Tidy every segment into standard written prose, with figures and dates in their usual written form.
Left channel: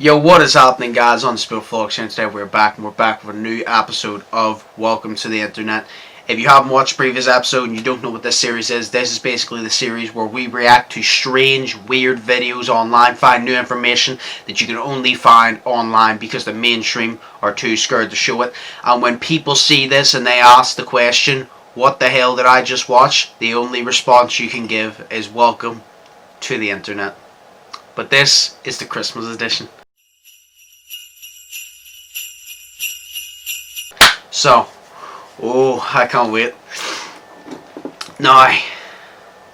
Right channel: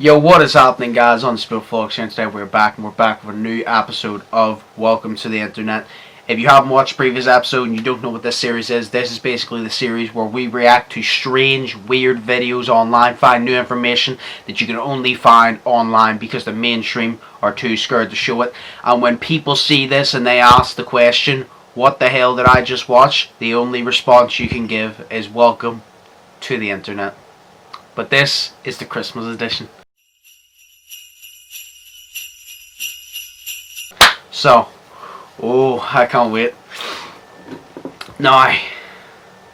Yo, what is happening, guys? Undisputed Vlogs here, and today we're back with a new episode of Welcome to the Internet. If you haven't watched the previous episode and you don't know what this series is, this is basically the series where we react to strange, weird videos online, find new information that you can only find online because the mainstream are too scared to show it. And when people see this and they ask the question, what the hell did I just watch? The only response you can give is welcome to the Internet. But this is the Christmas edition. So, I can't wait. Now,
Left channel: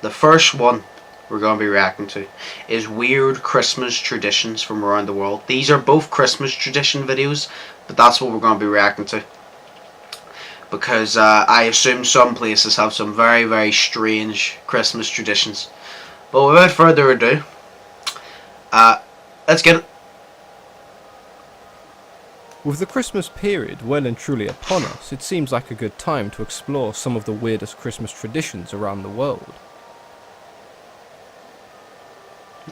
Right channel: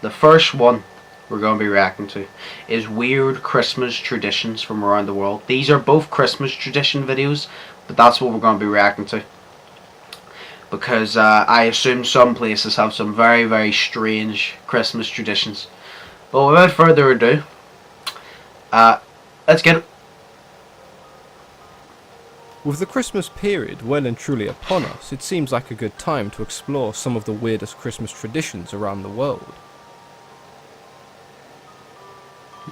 the first one we're going to be reacting to is weird Christmas traditions from around the world. These are both Christmas tradition videos, but that's what we're going to be reacting to. Because I assume some places have some very, very strange Christmas traditions. But without further ado, let's get it. With the Christmas period well and truly upon us, it seems like a good time to explore some of the weirdest Christmas traditions around the world.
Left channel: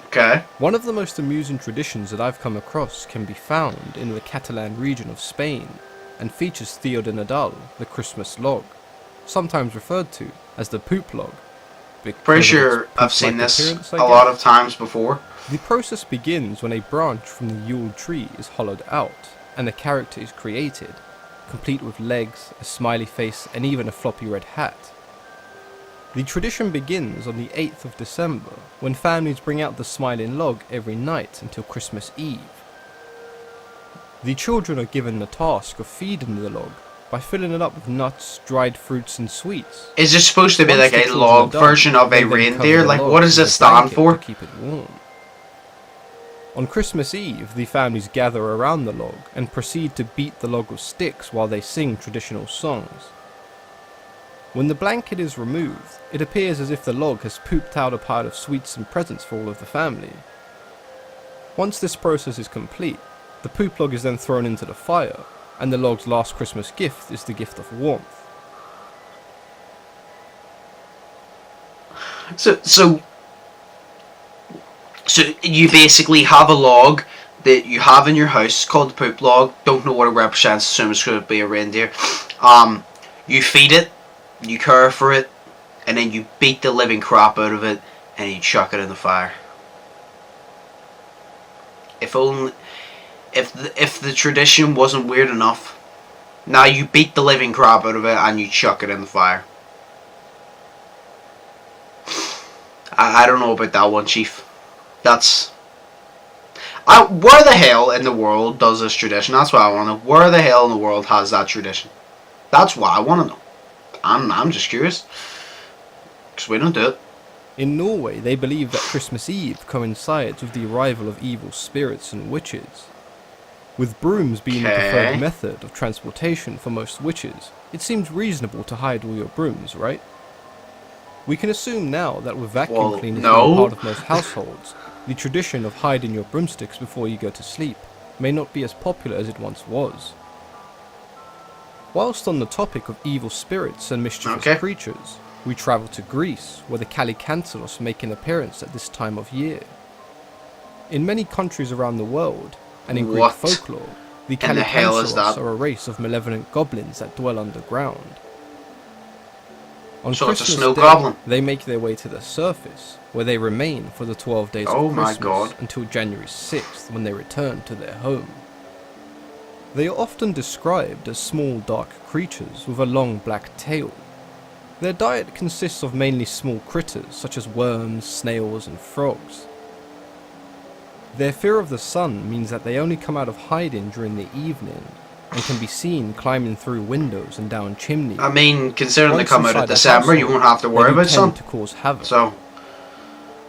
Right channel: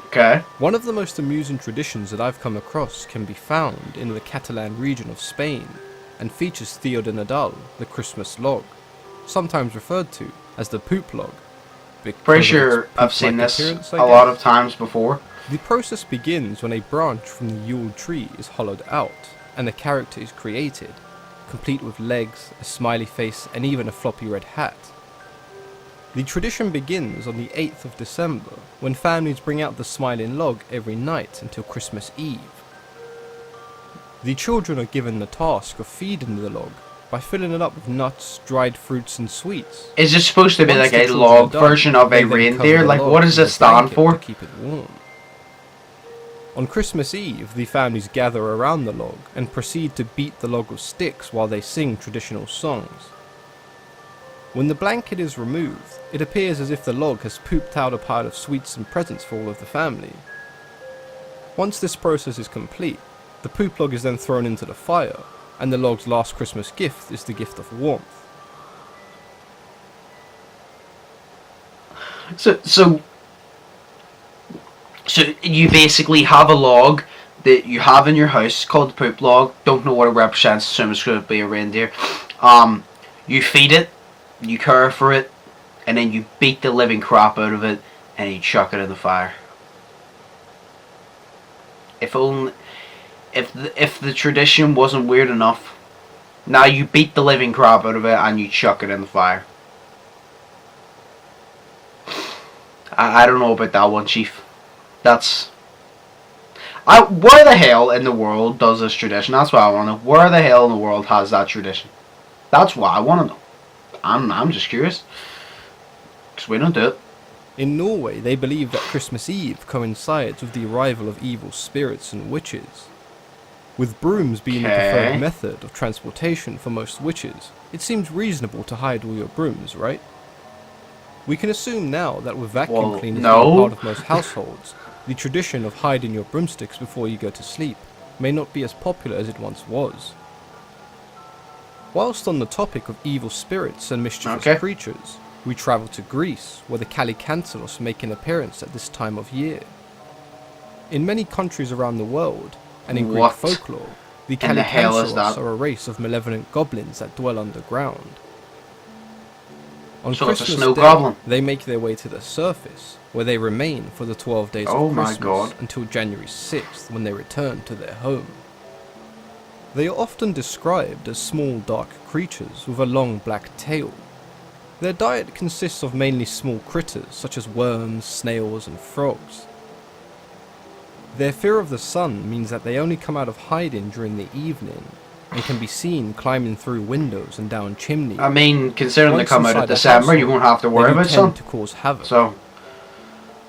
Okay. One of the most amusing traditions that I've come across can be found in the Catalan region of Spain, and features Theo de Nadal, the Christmas log, sometimes referred to as the poop log. Pretty sure I've seen this a lot of times before. The process begins when a branch from the Yule tree is hollowed out, and a character is created, complete with legs, a smiley face, and even a floppy red hat. The tradition begins on the 8th of December, when families bring out the smiling log every night until Christmas Eve. The children are given the task of feeding the log by filling it up with nuts, dried fruits, and sweets. Is it supposed to be like a log version of a reindeer? Like, what does it stand for? To keep it warm. On Christmas Eve, the families gather around the log and proceed to beat the log with sticks while they sing traditional songs. When the blanket is removed, it appears as if the log has pooped out a pile of sweets and presents for all of the family. Once this process is complete, the poop log is then thrown into the fire, and the log's last Christmas gift is the gift of warmth. So you basically have a log that you have in your house called the poop log. Don't know what it represents. Assume it's going to be a reindeer. You feed it, you care for it, and then you beat the living crap out of it, and you chuck it in the fire. If the tradition wasn't weird enough, now you beat the living crap out of it and you chuck it in the fire. I don't know about that one, Chief. Where the hell in the world does this tradition? That's what I want to know. Where the hell in the world has that tradition? That's what I want to know. I'm just curious. Because we don't do it. In Norway, they believe that Christmas Eve coincides with the arrival of evil spirits and witches. With brooms being the preferred method of transportation for most witches, it seems reasonable to hide all your brooms, right? We can assume now that with vacuum cleaners being part of most households, the tradition of hiding your broomsticks before you go to sleep may not be as popular as it once was. Whilst on the topic of evil spirits and mischievous creatures, we travel to Greece, where the Kalikantaros make an appearance at this time of year. In many countries around the world, and in Greek folklore, the Kalikantaros are a race of malevolent goblins that dwell underground. On Christmas Day, they make their way to the surface, where they remain for the 12 days of Christmas until January 6th, when they return to their home. They are often described as small dark creatures with a long black tail. Their diet consists of mainly small critters such as worms, snails, and frogs. Their fear of the sun means that they only come out of hiding during the evening, and can be seen climbing through windows and down chimneys. I mean, considering they come out in December, you won't have to worry about sun. To cause havoc. So,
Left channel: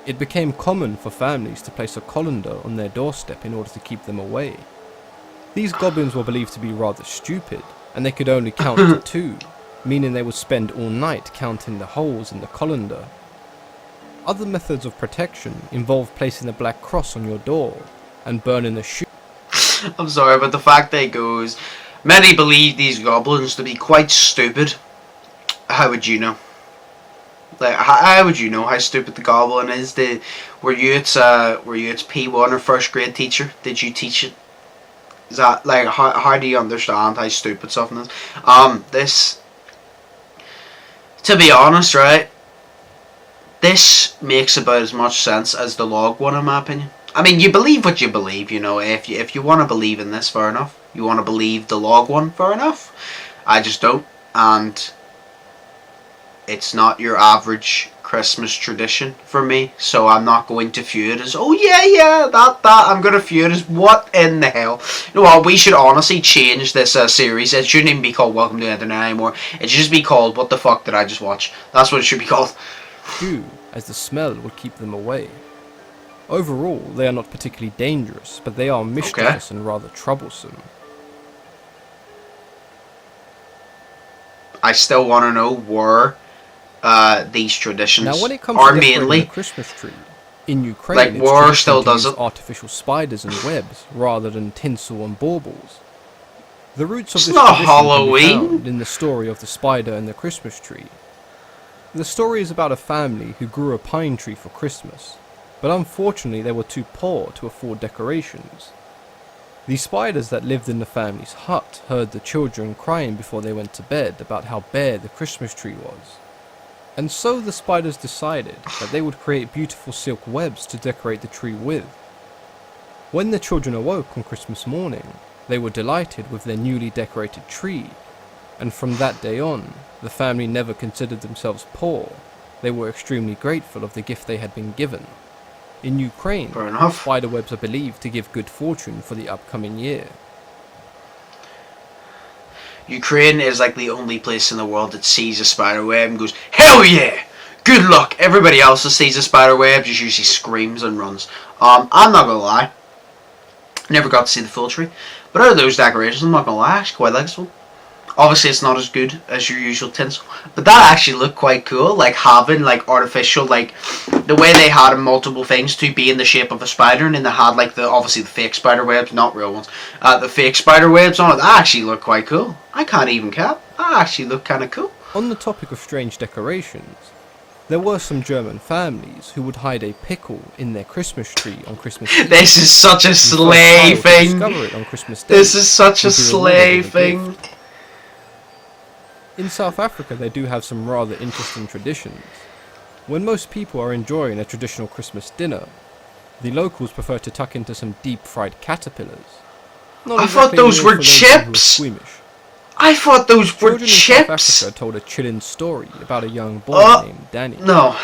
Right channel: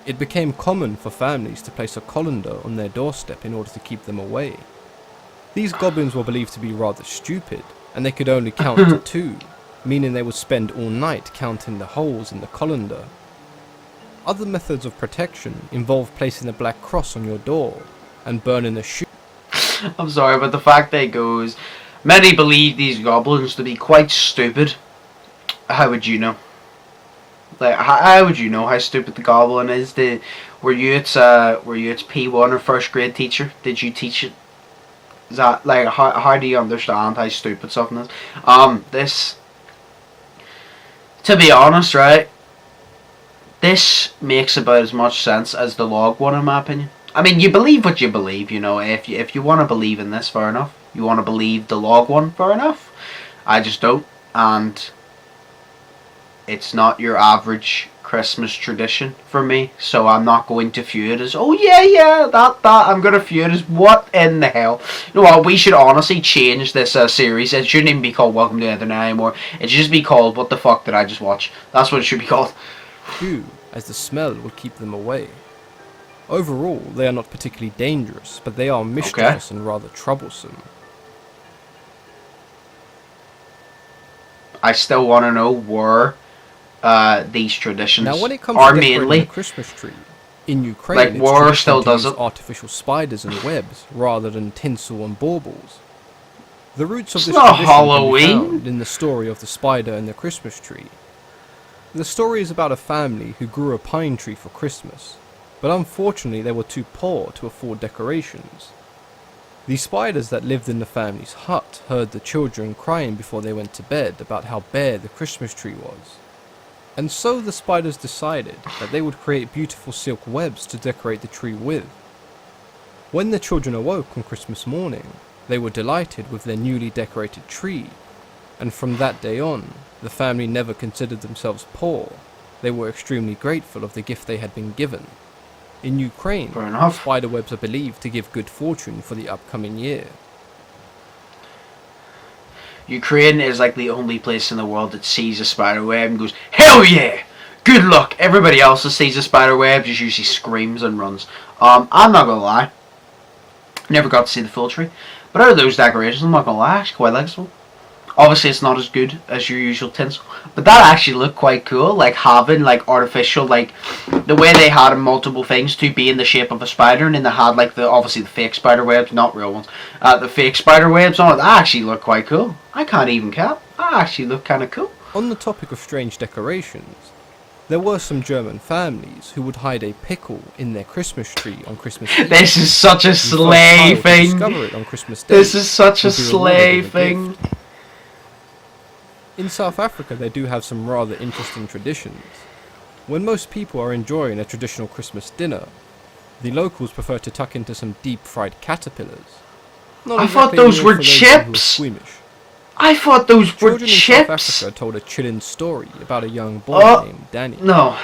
it became common for families to place a colander on their doorstep in order to keep them away. These goblins were believed to be rather stupid, and they could only count to 2, meaning they would spend all night counting the holes in the colander. Other methods of protection involve placing a black cross on your door and burning a shoe. I'm sorry, but the fact that it goes, many believe these goblins to be quite stupid. How would you know? Like, how would you know how stupid the goblin is? Were you its P1 or first grade teacher? Did you teach it? Is that like how do you understand how stupid something is? This, to be honest, right? This makes about as much sense as the log one, in my opinion. I mean, you believe what you believe, you know. If you want to believe in this, fair enough. You want to believe the log one, fair enough. I just don't, and it's not your average Christmas tradition for me. So I'm not going to view it as, oh yeah, that. I'm going to view it as, what in the hell? You know what? We should honestly change this series. It shouldn't even be called Welcome to the Internet anymore. It should just be called What the Fuck Did I Just Watch? That's what it should be called. Too, as the smell would keep them away. Overall, they are not particularly dangerous, but they are mischievous and rather troublesome. I still want to know where these traditions now, when it comes are to decorating mainly the Christmas tree, in Ukraine, like, it's war traditional still to does use it. artificial spiders and webs rather than tinsel and baubles. The roots of It's this not tradition can be Halloween. found in the story of the spider and the Christmas tree. The story is about a family who grew a pine tree for Christmas, but unfortunately they were too poor to afford decorations. The spiders that lived in the family's hut heard the children crying before they went to bed about how bare the Christmas tree was. And so the spiders decided that they would create beautiful silk webs to decorate the tree with. When the children awoke on Christmas morning, they were delighted with their newly decorated tree, and from that day on, the family never considered themselves poor. They were extremely grateful of the gift they had been given. In Ukraine, spider webs are believed to give good fortune for the upcoming year. Ukraine is like the only place in the world that sees a spider web and goes, hell yeah! Good luck! Everybody else that sees a spider web just usually screams and runs. I'm not gonna lie. Never got to see the full tree. But out of those decorations, I'm not gonna lie, I actually quite like this one. Obviously, it's not as good as your usual tinsel, but that actually looked quite cool. Like having like artificial, like the way they had multiple things to be in the shape of a spider, and then they had like obviously the fake spider webs, not real ones. The fake spider webs on it. That actually looked quite cool. I can't even cap. That actually looked kind of cool. On the topic of strange decorations, there were some German families who would hide a pickle in their Christmas tree on Christmas Eve. This is such a slay thing. Discover it on Christmas Day. This is such a slay thing. In South Africa, they do have some rather interesting traditions. When most people are enjoying a traditional Christmas dinner, the locals prefer to tuck into some deep-fried caterpillars. I thought those were chips. I thought those were chips. Children in South Africa told a chilling story about a young boy named Danny. No.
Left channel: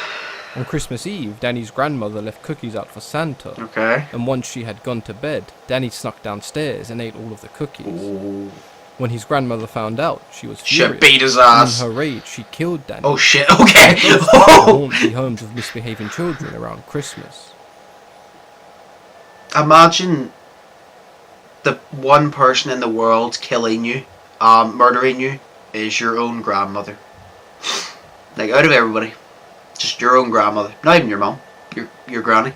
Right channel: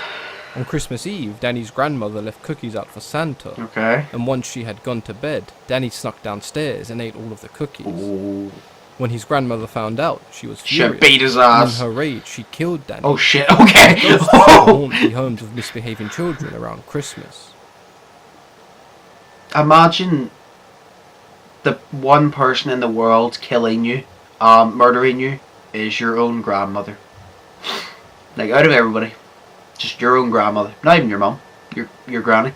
On Christmas Eve, Danny's grandmother left cookies out for Santa. Okay. And once she had gone to bed, Danny snuck downstairs and ate all of the cookies. Ooh. When his grandmother found out, she was furious. She beat his ass. And in her rage, she killed Danny. Oh shit, okay. Haunt the homes of misbehaving children around Christmas. Imagine the one person in the world killing you, murdering you, is your own grandmother. Like, out of everybody, just your own grandmother. Not even your mum, your granny.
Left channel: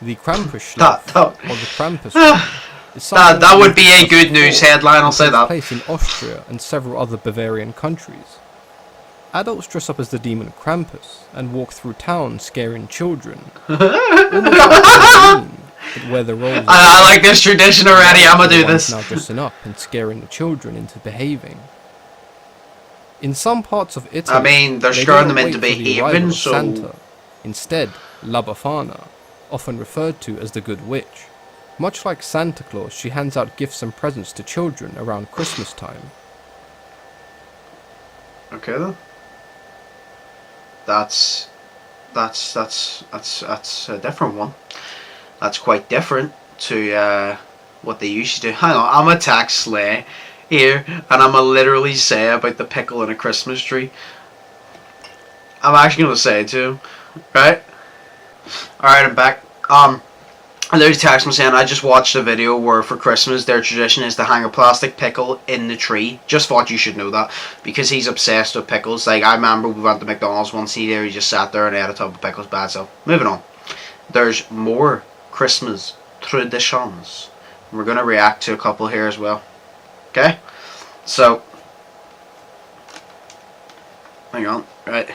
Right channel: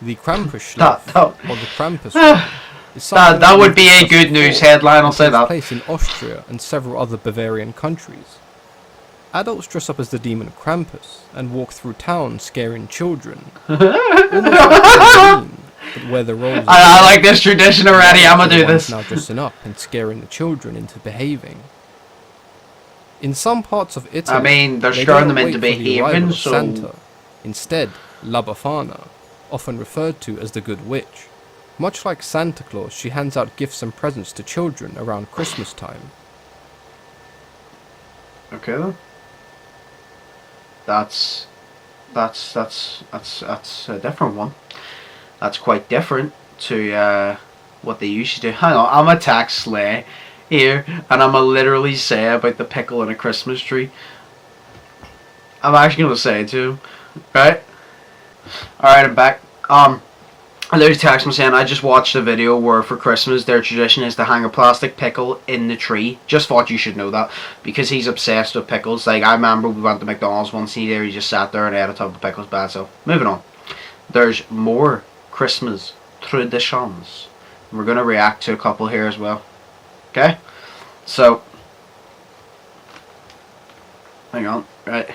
The Krampusschlacht, or the Krampus that would be a good news headline, I'll say that. Place in Austria and several other Bavarian countries. Adults dress up as the demon Krampus and walk through town scaring children. Almost like Halloween, but where the roles I like this tradition already, I'm gonna do this. Now dressing up and scaring the children into behaving. In some parts of Italy, I mean, they're scaring them into behaving, so... Santa. Instead, La Befana, often referred to as the Good Witch. Much like Santa Claus, she hands out gifts and presents to children around Christmas time. Okay then. That's a different one. That's quite different to what they usually do. Hang on, I'm a tax slay here, and I'm gonna literally say about the pickle in a Christmas tree. I'm actually gonna say it to him, right? All right, I'm back. I literally text me saying I just watched a video where for Christmas their tradition is to hang a plastic pickle in the tree. Just thought you should know that because he's obsessed with pickles. Like, I remember we went to McDonald's once and he just sat there and ate a tub of pickles bad. So moving on. There's more Christmas traditions. We're gonna react to a couple here as well. Okay? So hang on, right.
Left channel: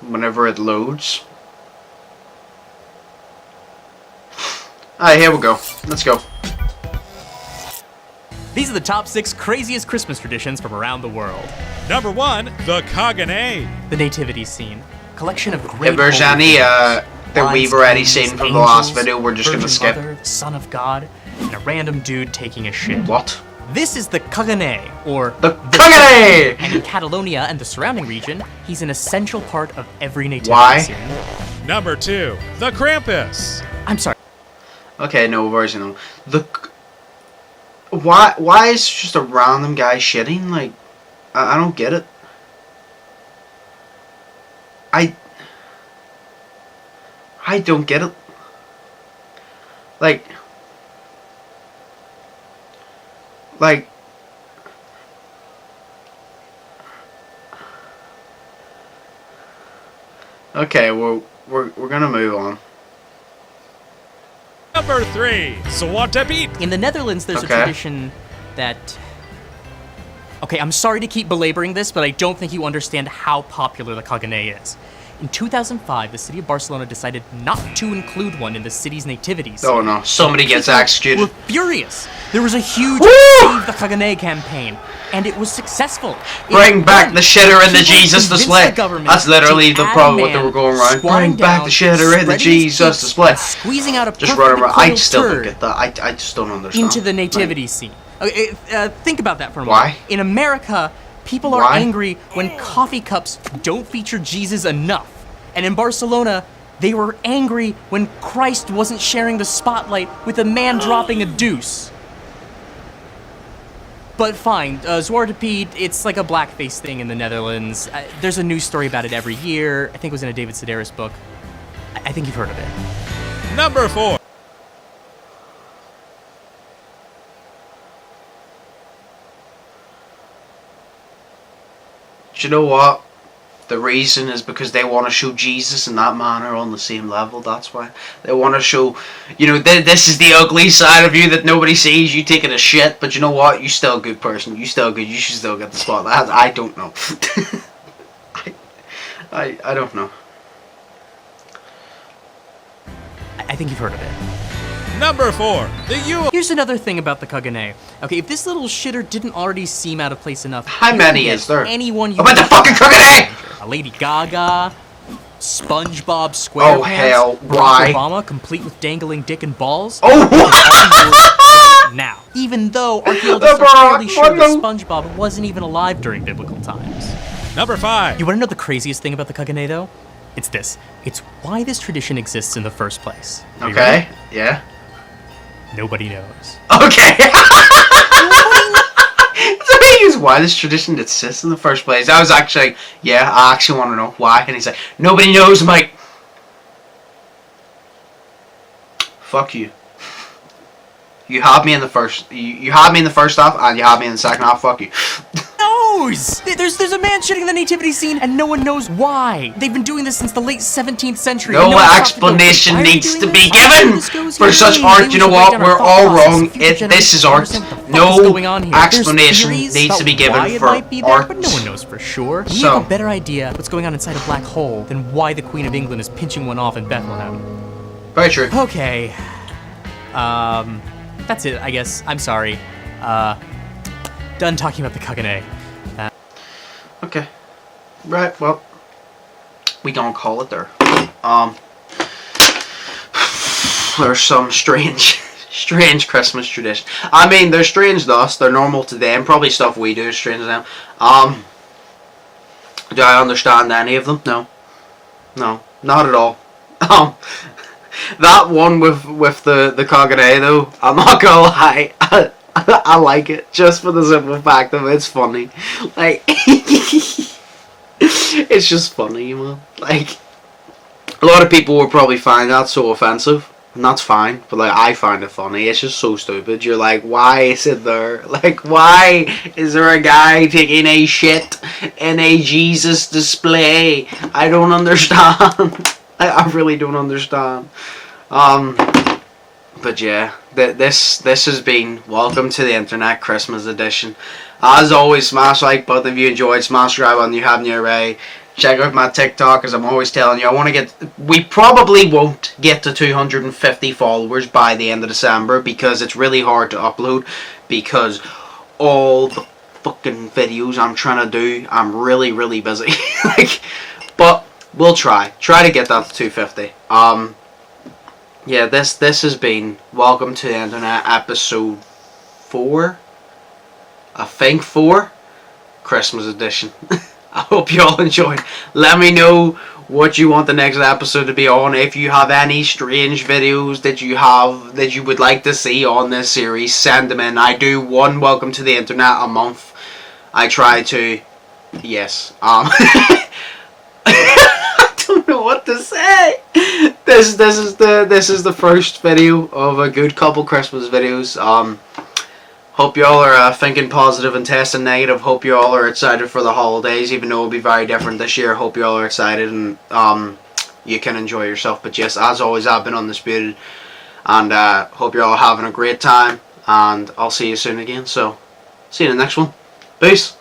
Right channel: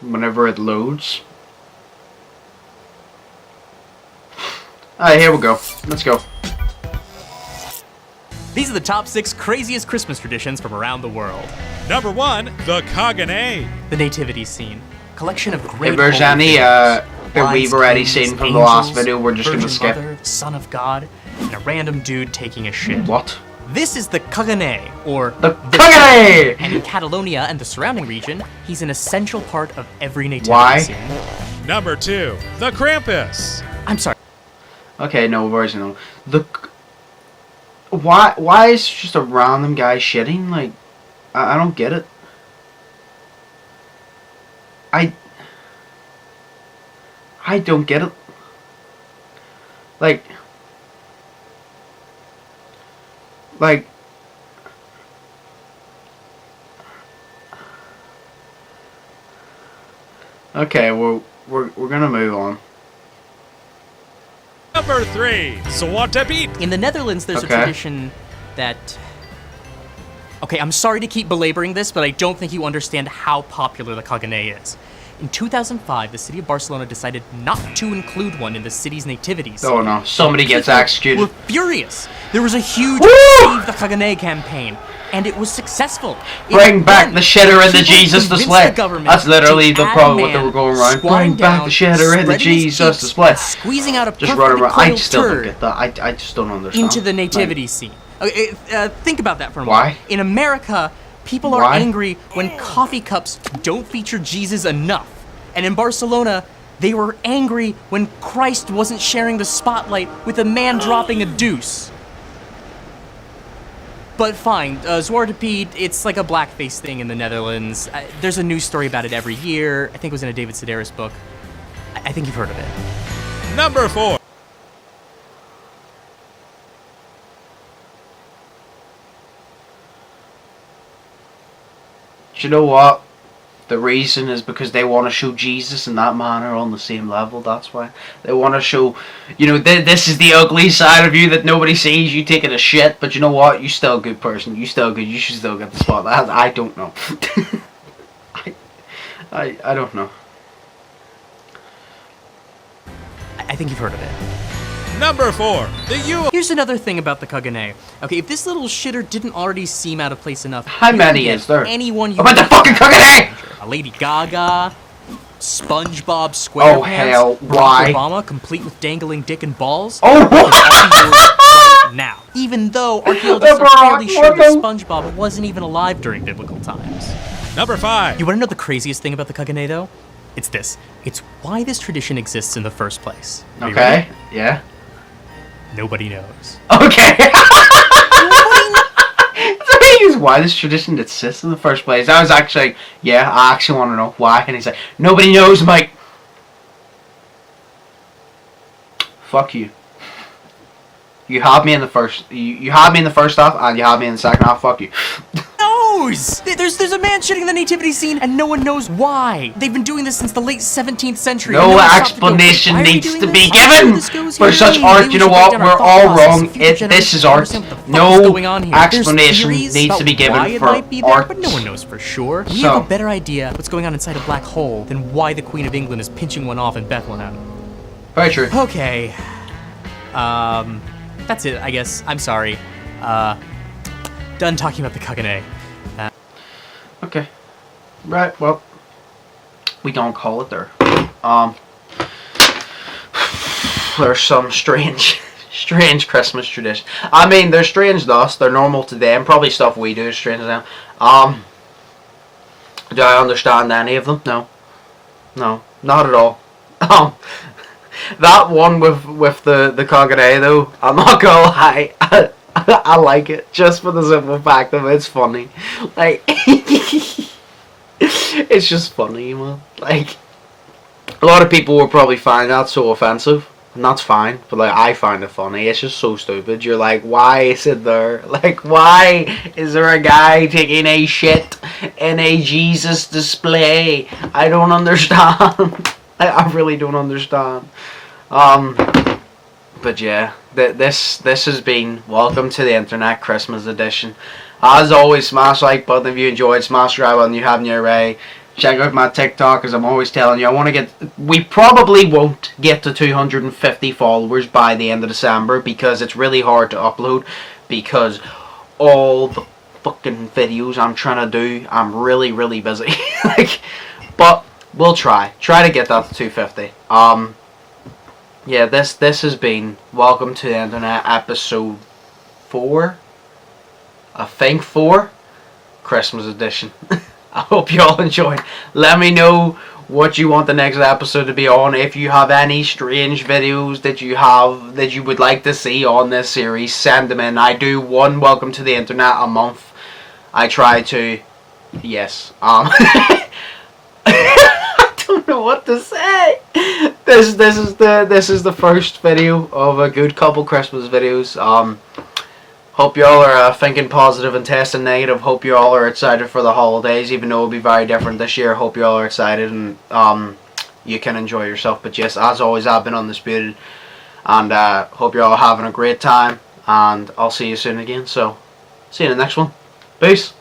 Whenever it loads. Alright, here we go. Let's go. These are the top 6 craziest Christmas traditions from around the world. Number 1, the Kagane. The nativity scene. Collection of great If there's holy any figures. that Wise we've already kings, seen from the last angels, video, we're just Virgin gonna skip. Mother, the Son of God, and a random dude taking a shit. What? This is the Kagane, or The Kagane! And in Catalonia and the surrounding region, he's an essential part of every nativity Why? scene. Number 2, the Krampus. I'm sorry. Okay, no, we've already seen them. Why is it just a random guy shitting? Like, I don't get it. I don't get it. Like, okay, well, we're gonna move on. Number 3, Zwarte Piet. In the Netherlands, there's a tradition that... Okay, I'm sorry to keep belaboring this, but I don't think you understand how popular the Kagane is. In 2005, the city of Barcelona decided not to include one in the city's nativity scene. Oh no, somebody gets People executed. were furious. There was a huge Woo! Save the Kagane campaign, and it was successful. Bring back the shitter and the Jesus display. That's literally the problem what they were going around. Bring back the shitter and the Jesus display. Squeezing out a Just run perfectly around. I coiled still don't turd get that. I just don't understand. into the nativity scene. Okay, think about that for a Why? moment. In America, people are Why? angry when coffee cups don't feature Jesus enough. And in Barcelona, they were angry when Christ wasn't sharing the spotlight with a man dropping a deuce. But fine, Zwarte Piet, it's like a blackface thing in the Netherlands. There's a news story about it every year. I think it was in a David Sedaris book. I think you've heard of it. Number 4. You know what? The reason is because they want to show Jesus and that man are on the same level. That's why they want to show, you know, this is the ugly side of you that nobody sees. You taking a shit, but you know what? You still a good person. You still good. You should still get the spotlight. I don't know. I don't know. I think you've heard of it. Number 4, the Yule. Here's another thing about the Kagane. Okay, if this little shitter didn't already seem out of place enough, How you many can is get there? Anyone you About the want fucking to Kagane! A Lady Gaga, SpongeBob SquarePants, Oh, hell, Barack why? Obama, complete with dangling dick and balls. Oh, Right now, even though archaeologists The are fairly Barack, sure that what SpongeBob wasn't even alive during biblical times. Number 5, You want to know the craziest thing about the Kagane, though? It's this. It's why this tradition exists in the first place. Are you ready? okay. Yeah. Nobody knows. Okay. The thing is, why this tradition exists in the first place. I was actually, yeah, I actually want to know why. And he's like, nobody knows. I'm like, fuck you. You had me in the first. You had me in the first half, and you had me in the second half. Fuck you. Knows! There's a man shitting in the nativity scene, and no one knows why. They've been doing this since the late 17th century. and No one stopped to go, explanation "Why are we needs doing to this? be How given this goes for here? such Maybe art. we You should know break what? down our We're thought all process. wrong. Future This generations is don't art. understand what the fuck is No going on here. There's explanation theories needs to about be given why it for might be there, art. but no one knows for sure. We So- have a better idea what's going on inside a black hole than why the Queen of England is pinching one off in Bethlehem. Very true. Okay. That's it, I guess. I'm sorry. Done talking about the Kagane. Okay. Right, well, we don't call it there. There's some strange Christmas tradition. I mean, they're strange to us, they're normal to them, probably stuff we do is strange to them. Do I understand any of them? No. No, not at all. That one with the Kagane though, I'm not gonna lie, I like it, just for the simple fact of it's funny. Like, it's just funny, man. Like, a lot of people will probably find that so offensive, and that's fine, but like, I find it funny. It's just so stupid. You're like, why is it there? Like, why is there a guy taking a shit in a Jesus display? I don't understand. I really don't understand. But yeah, this has been Welcome to the Internet Christmas edition. As always, smash the like button if you enjoyed, smash subscribe button if you haven't already. Check out my TikTok, as I'm always telling you. We probably won't get to 250 followers by the end of December, because it's really hard to upload, because all the fucking videos I'm trying to do, I'm really busy. But we'll try to get that to 250. Yeah, this has been Welcome to the Internet Episode 4. I think 4. Christmas edition. I hope you all enjoyed. Let me know what you want the next episode to be on. If you have any strange videos that you would like to see on this series, send them in. I do one Welcome to the Internet a month. I try to. Yes. I don't know what to say. This is the first video of a good couple Christmas videos. Hope you all are thinking positive and testing negative. Hope you all are excited for the holidays, even though it'll be very different this year. Hope you all are excited and you can enjoy yourself. But yes, as always, I've been Undisputed, and hope you're all having a great time. And I'll see you soon again. So, see you in the next one. Peace.